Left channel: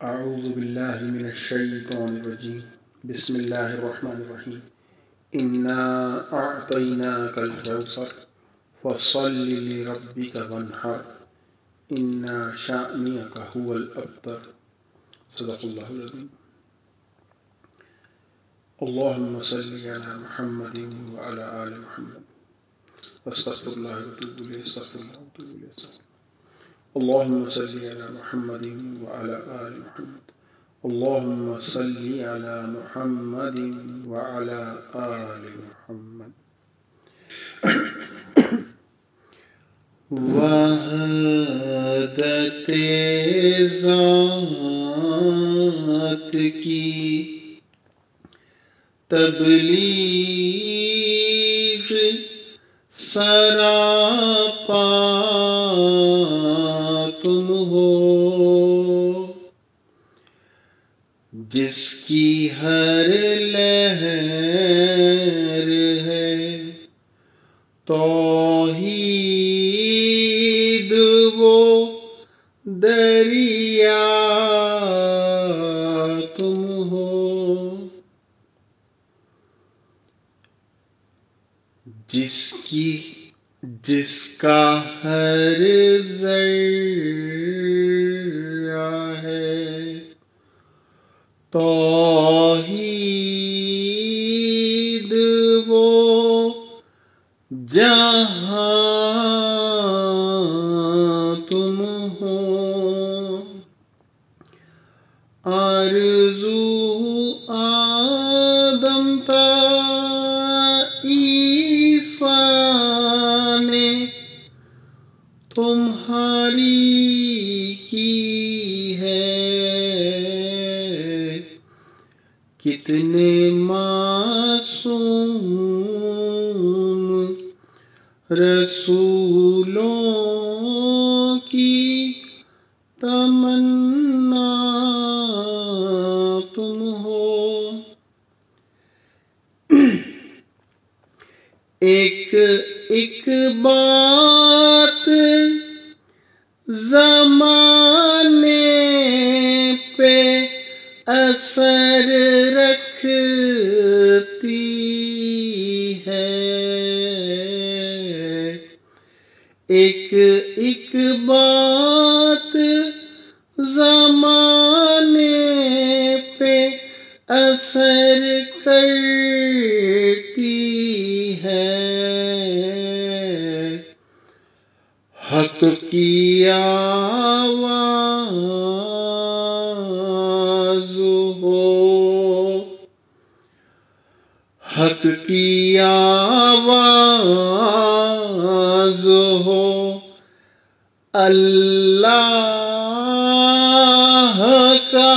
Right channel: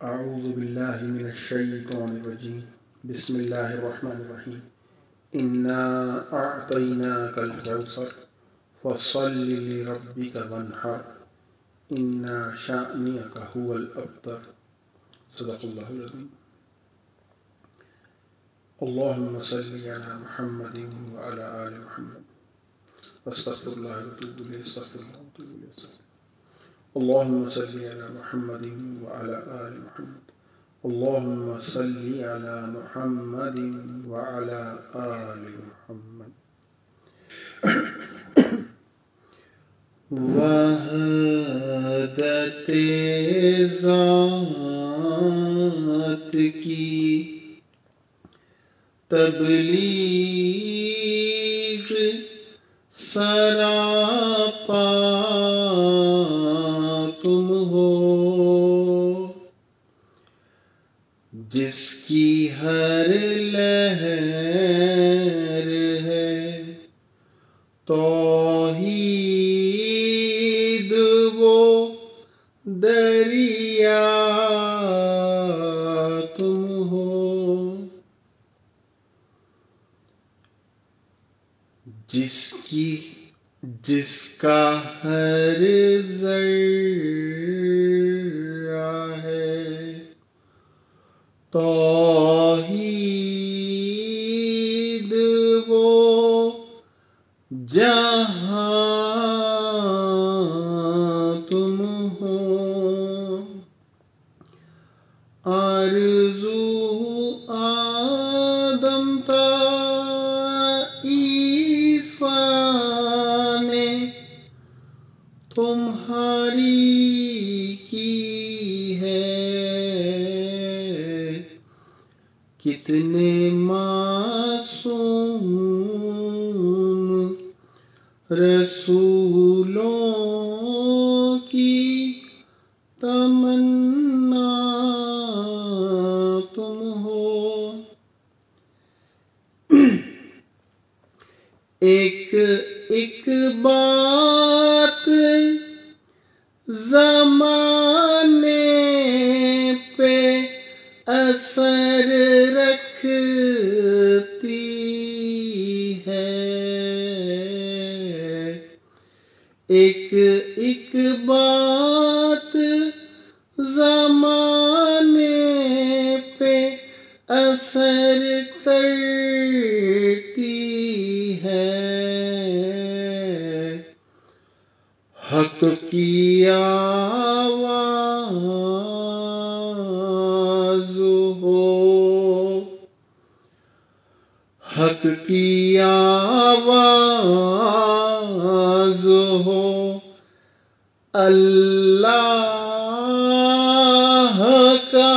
أعوذ بالله من الشيطان الرجيم بسم الله الرحمن الرحيم إنا أعطيناك الكوثر فصل لربك وانحر إن شانئك هو الأبتر صدق الله العظيم. اللهم صل على محمد وعلى آل محمد واستغفر الله واتوب إليه استغفر الله واتوب إليه استغفر. اللهم صل على محمد وعلى آل محمد. اللهم صل على محمد وعلى آل محمد. وحدت ذات کی تبلیغ سراپا تم ہو، جس کی ہر لہر ہے توحید وہ دریا تم ہو، جس کا ہر ذرہ ہے توحید وہ جہاں تم ہو، آرزو آدم تا عیسیٰ نے تمہاری کی ہے، کتنے معصوم رسولوں کی تمنا تم ہو، ایک بات زمانے پہ اثر رکھتی ہے، ایک بات زمانے پہ اثر کرتی ہے، حق کی آواز ہو، حق کی آواز ہو، اللہ کا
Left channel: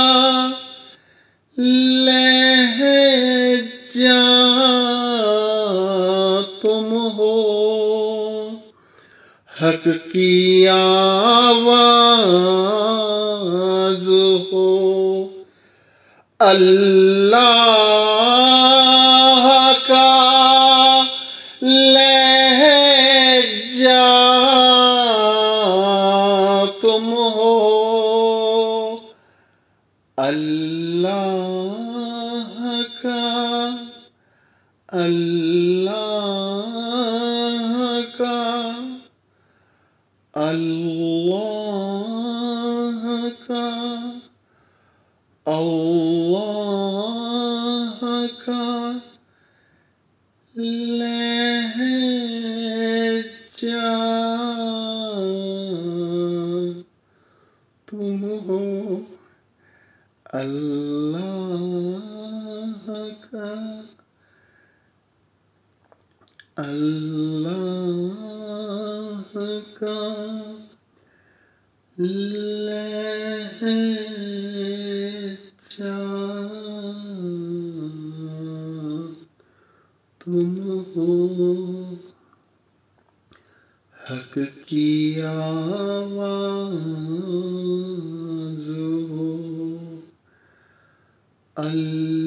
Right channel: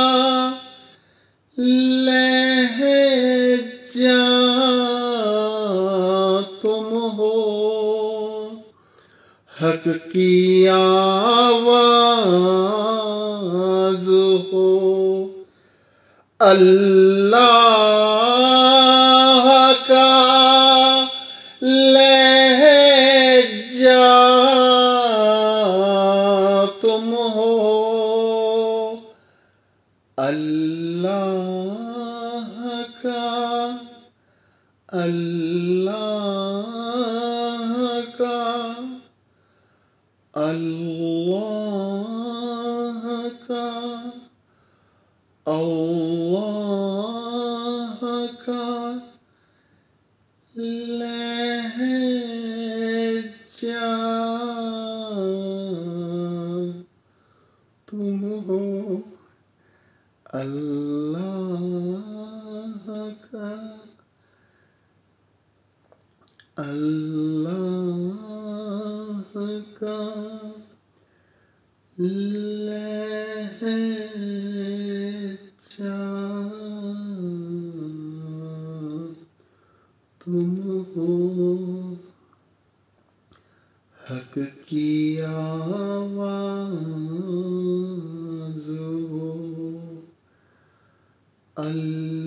لہجہ تم ہو، حق کی آواز ہو، اللہ کا لہجہ تم ہو، اللہ کا لہجہ تم ہو، اللہ کا لہجہ تم ہو، حق کی آواز ہو، اللہ